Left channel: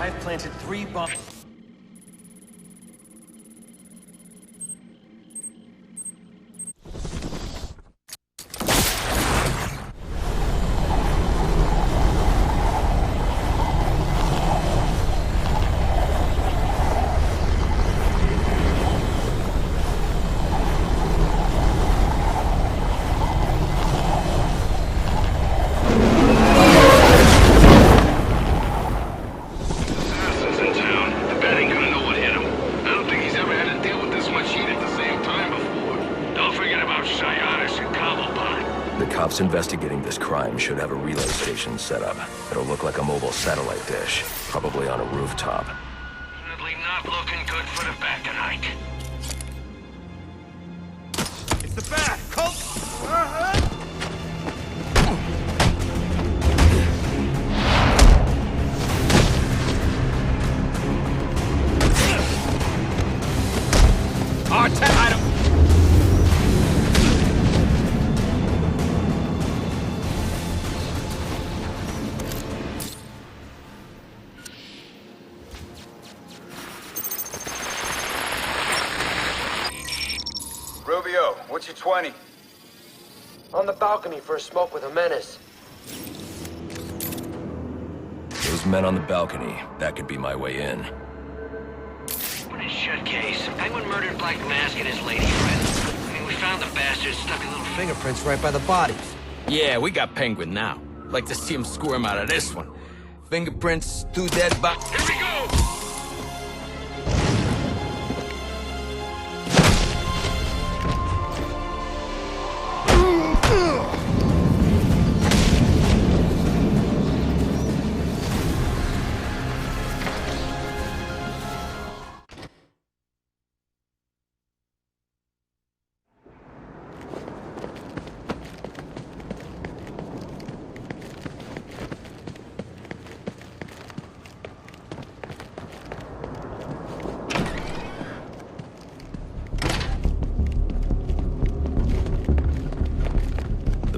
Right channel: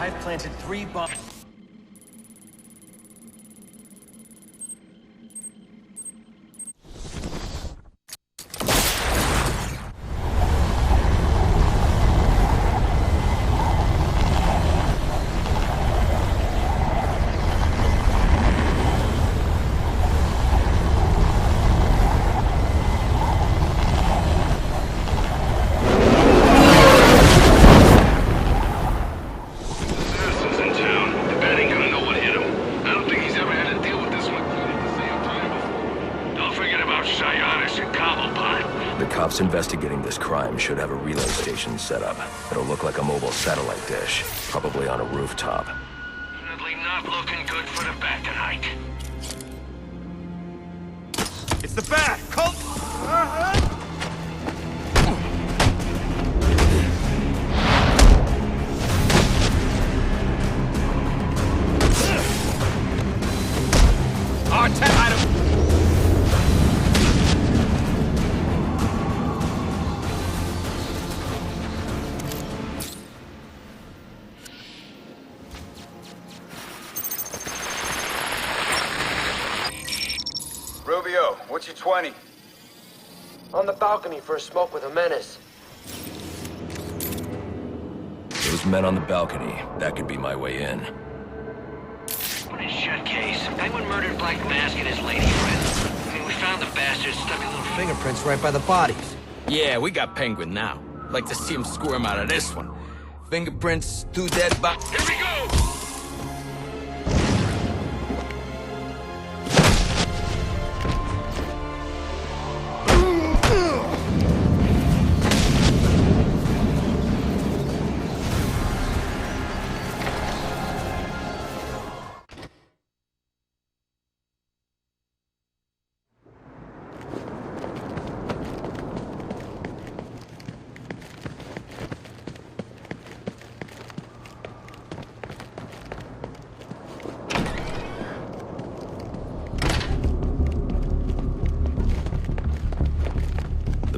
I've planted 3 bombs. Investigating this crime should have a relay station set up. It'll look like a mobile satellite dish, probably on a rooftop. It's the bat! Cult! R10 item! What's your 20? On the balcony for a smoke with a menace. Those men on the balcony, that could be my way in. What a shut case. Penguin murdered Black Mask and his lady friend. I mean, we found the bastard stuck in little Fingerprints right by the bodies. Yeah, we got Penguin now. Like to see him squirm out of this one. Fingerprints, 2 dead bodies. Here we go!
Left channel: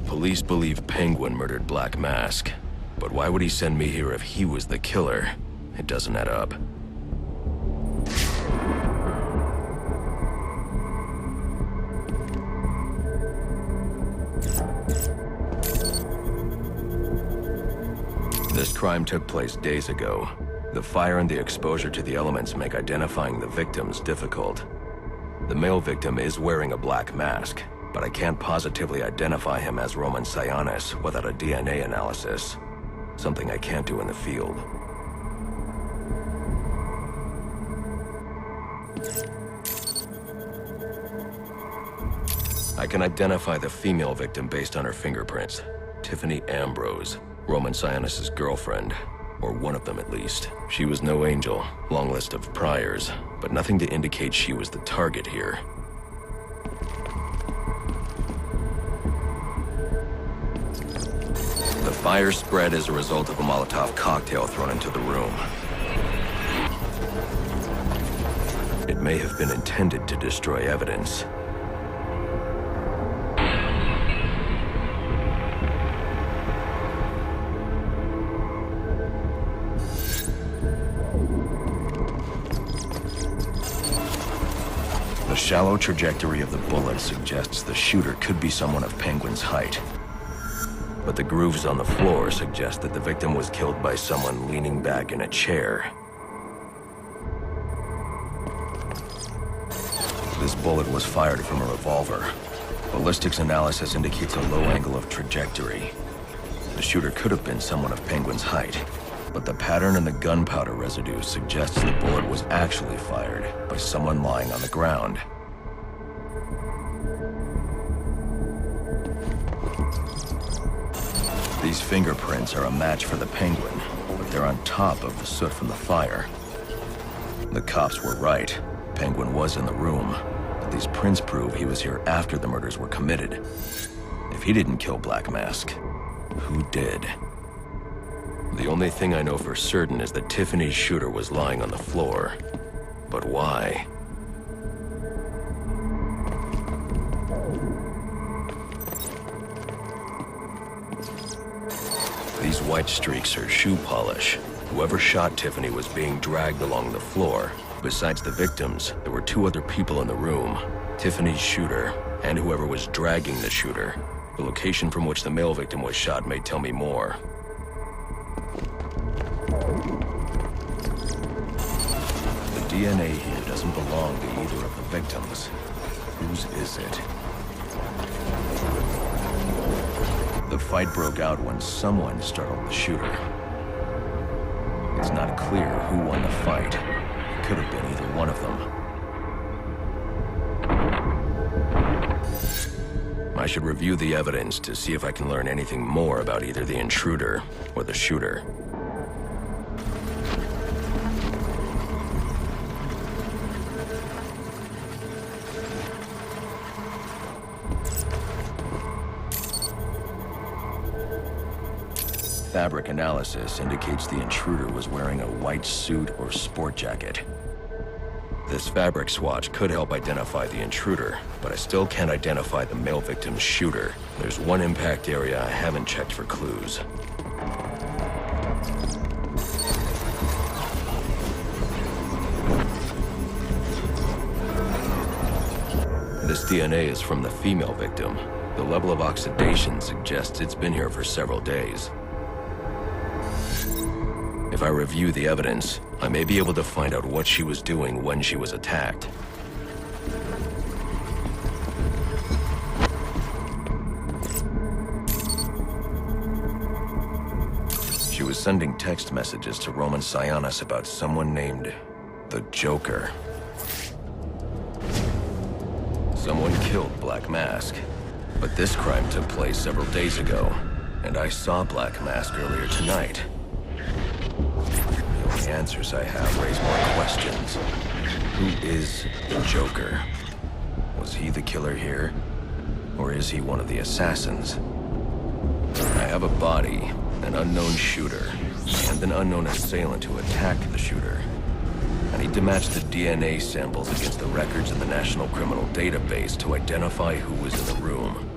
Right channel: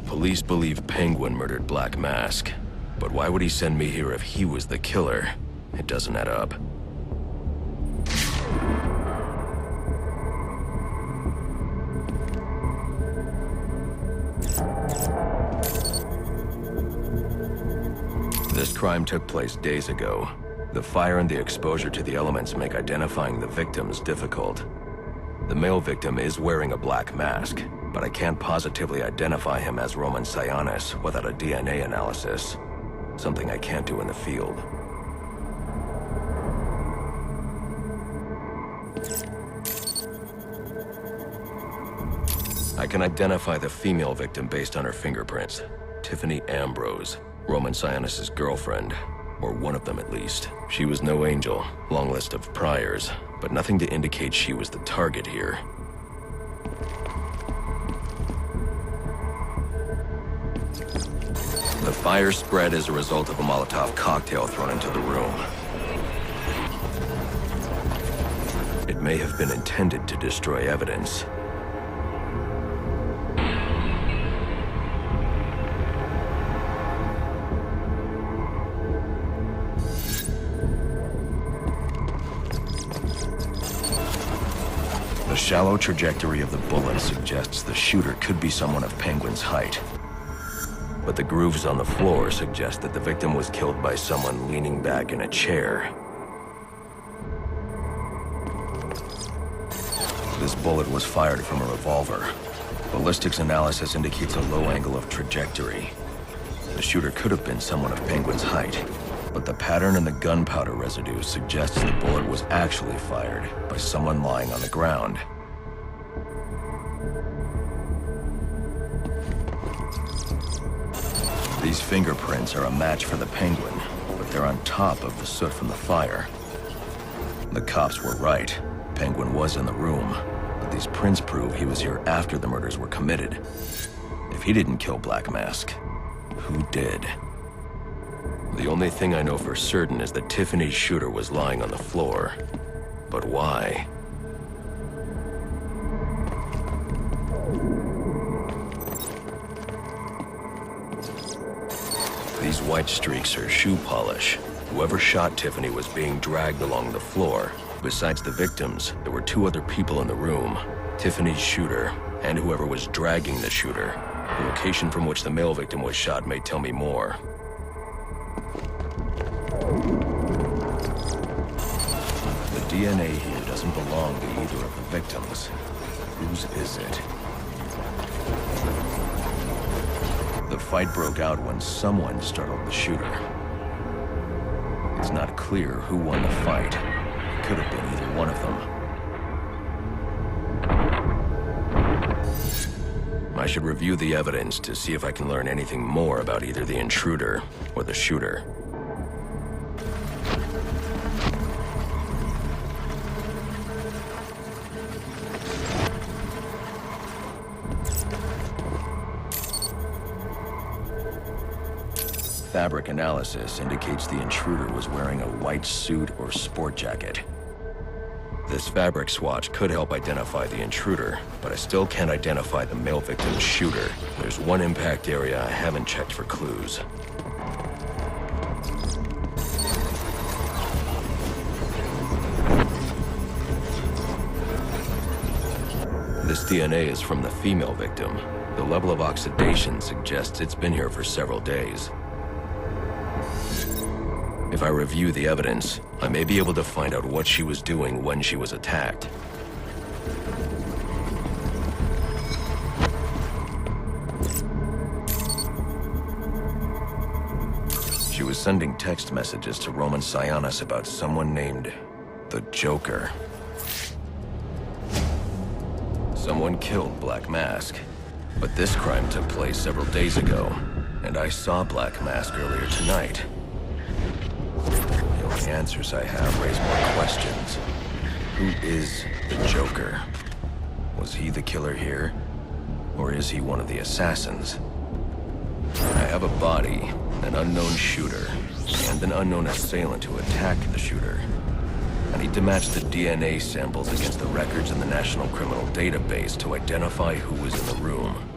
Police believe Penguin murdered Black Mask. But why would he send me here if he was the killer? It doesn't add up. This crime took place days ago. The fire and the exposure to the elements make identifying the victims difficult. The male victim is wearing a black mask, but I can't positively identify him as Roman Sionis without a DNA analysis. Something I can't do in the field. I can identify the female victim based on her fingerprints. Tiffany Ambrose, Roman Sionis' girlfriend, or one of them at least. She was no angel, long list of priors, but nothing to indicate she was the target here. The fire spread as a result of a Molotov cocktail thrown into the room. It may have been intended to destroy evidence. The shallow trajectory of the bullet suggests the shooter could be someone of Penguin's height. But the grooves on the floor suggest that the victim was killed by someone leaning back in a chair. This bullet was fired from a revolver. Ballistics analysis indicates a low angle of trajectory. The shooter could have been someone of Penguin's height, but the pattern in the gunpowder residue suggests the bullet was actually fired by someone lying on the ground. These fingerprints are a match for the Penguin, but they're on top of the soot from the fire. The cops were right. Penguin was in the room, but these prints prove he was here after the murders were committed. If he didn't kill Black Mask, who did? The only thing I know for certain is that Tiffany's shooter was lying on the floor. But why? These white streaks are shoe polish. Whoever shot Tiffany was being dragged along the floor. Besides the victims, there were two other people in the room. Tiffany's shooter, and whoever was dragging the shooter. The location from which the male victim was shot may tell me more. The DNA here doesn't belong to either of the victims. Whose is it? The fight broke out when someone startled the shooter. It's not clear who won the fight. It could have been either one of them. I should review the evidence to see if I can learn anything more about either the intruder or the shooter. Fabric analysis indicates the intruder was wearing a white suit or sport jacket. This fabric swatch could help identify the intruder, but I still can't identify the male victim's shooter. There's one impact area I haven't checked for clues. This DNA is from the female victim. The level of oxidation suggests it's been here for several days. If I review the evidence, I may be able to find out what she was doing when she was attacked. She was sending text messages to Roman Sionis about someone named the Joker. Someone killed Black Mask, but this crime took place several days ago, and I saw Black Mask earlier tonight. The answers I have raise more questions. Who is the Joker? Was he the killer here? Or is he one of the assassins? I have a body, an unknown shooter, and an unknown assailant who attacked the shooter. I need to match the DNA samples against the records in the National Criminal Database to identify who was in the room.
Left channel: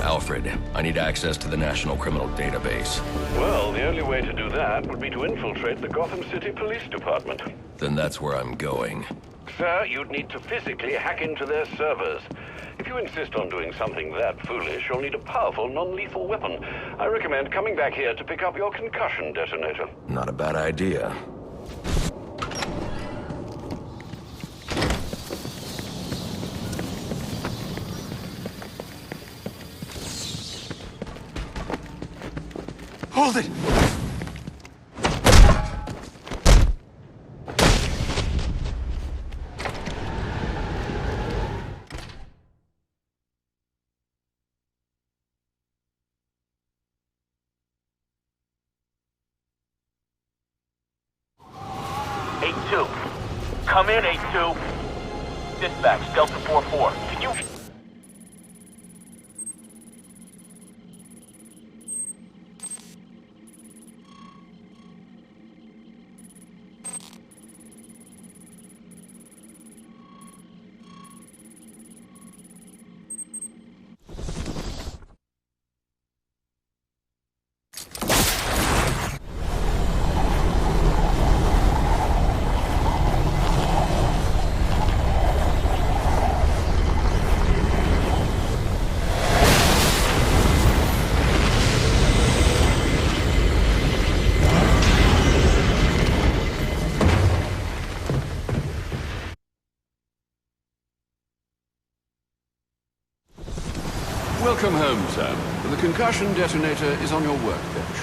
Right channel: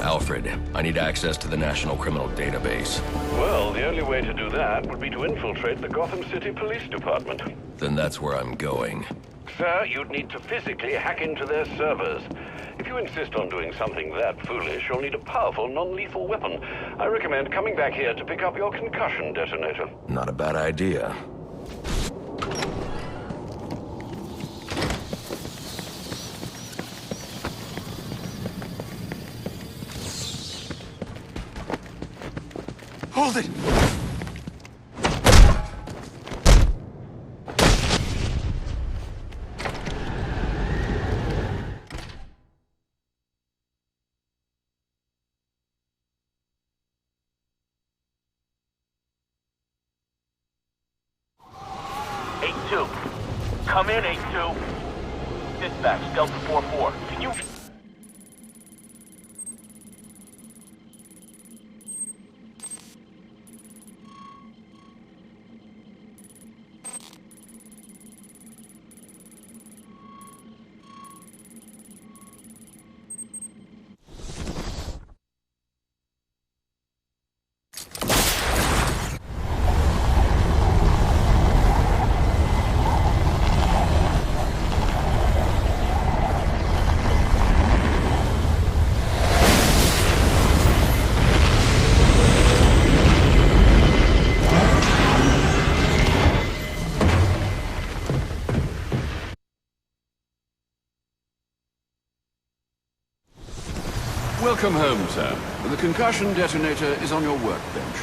Alfred, I need access to the National Criminal Database. Well, the only way to do that would be to infiltrate the Gotham City Police Department. Then that's where I'm going. Sir, you'd need to physically hack into their servers. If you insist on doing something that foolish, you'll need a powerful, non-lethal weapon. I recommend coming back here to pick up your concussion detonator. Not a bad idea. Hold it! Eight-2. Come in, 8-2. Dispatch, Delta 4-4. Can you... Welcome home, sir. The concussion detonator is on your workbench.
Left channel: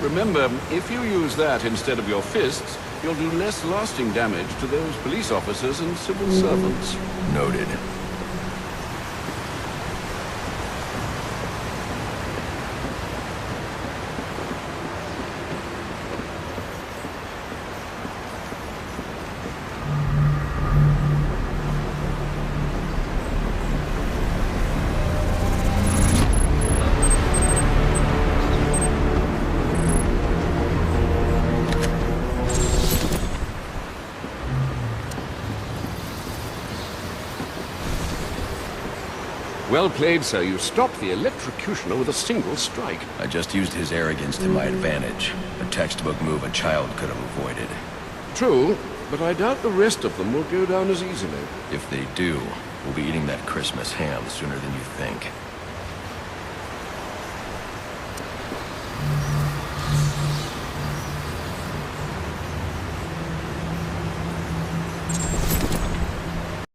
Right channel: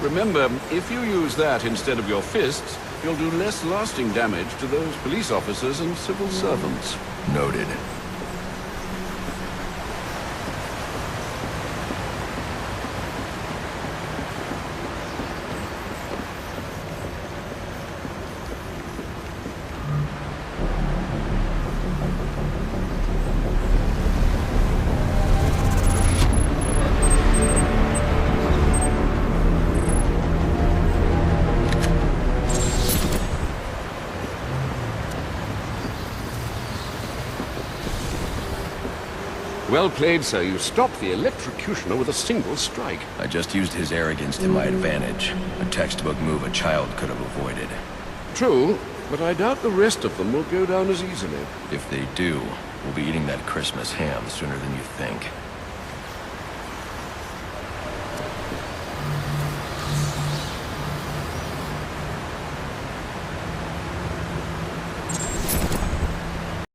Remember, if you use that instead of your fists, you'll do less lasting damage to those police officers and civil servants. Noted. Well played, sir. You stopped the electrocutioner with a single strike. I just used his arrogance to my advantage. A textbook move a child could have avoided. True, but I doubt the rest of them will go down as easily. If they do, we'll be eating that Christmas ham sooner than you think.